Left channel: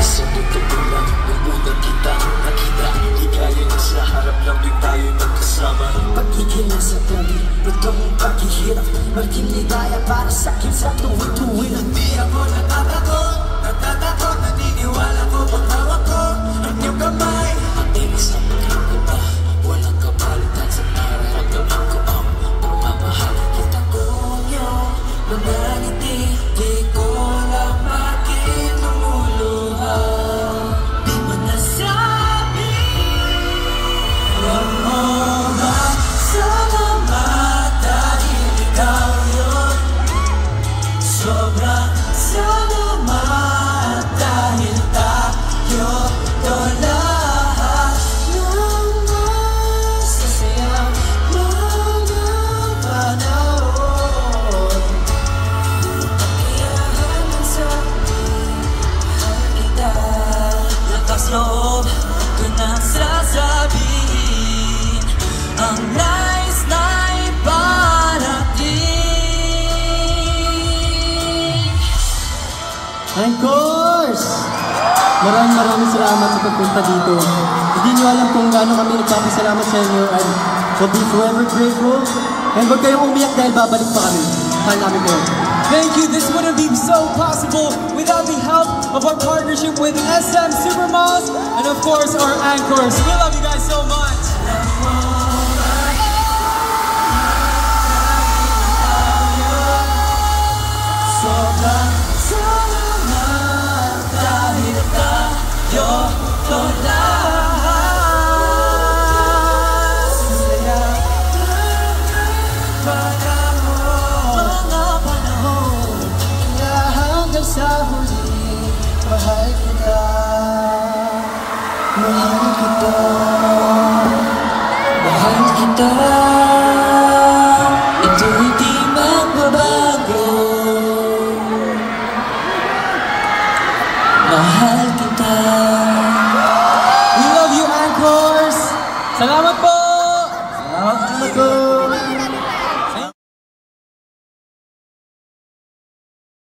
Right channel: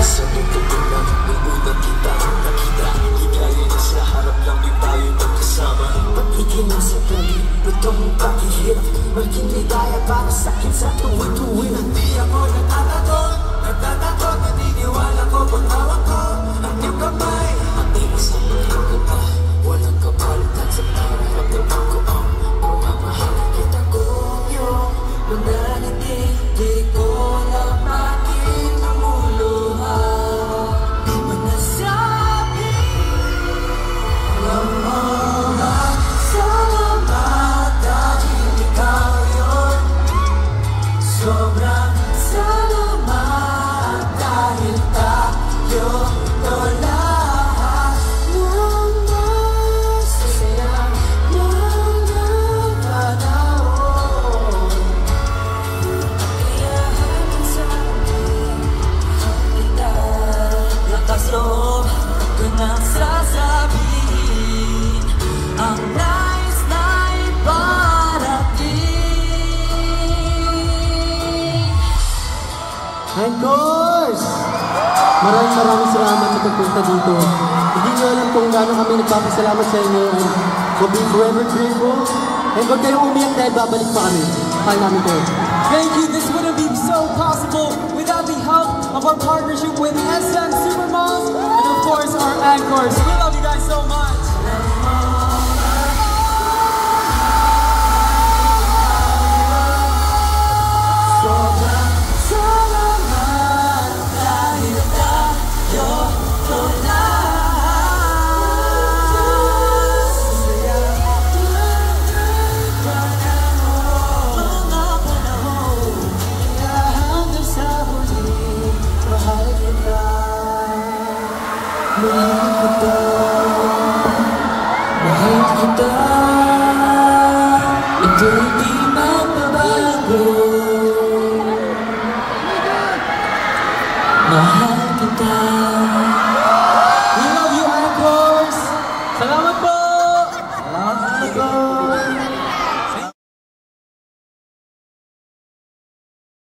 Sa itutulang ng unang kita nakita, di kaya na sa harap lang di tayo magkasama. Pag-ibig sa tabi, ito ang paghihirap, maging ligaya para sa'kin sa tuwi-tuwi. Hindi ako natatakot, naniniwala ko pagtawag ko ang iyong kamay. At isang ko pa, walang kapalitan sa nararamdaman ko ang pagmamahal. Kita ko yun, manangiti, di ko lang bakit lumuluha. Di mo nasabi, ramon salamat dahil ikaw yun. Sobrang salamat dahil tayo lahat ng masasayang mga panahon. Natiyahan ng sabi, kita lakas loob ko nang sasabihin ang nais na iparating. And of course, maraming salamat sa pagpunta dito. Hindi nyo alam kung gaano kami nagpapasalamat sa inyo and we'll be forever grateful. And huwag kayong umiyak dahil babalik pa kami. Kaya namin kayo. Thank you. This wouldn't be so possible without the help of our partnership with SM Supermalls and of course our anchors. We love you guys so much. Sobrang salamat dahil tayo lahat. Saya mga panahon hanggang sa huli. Mahal kita, mahal kita, mahal kita. Ito'y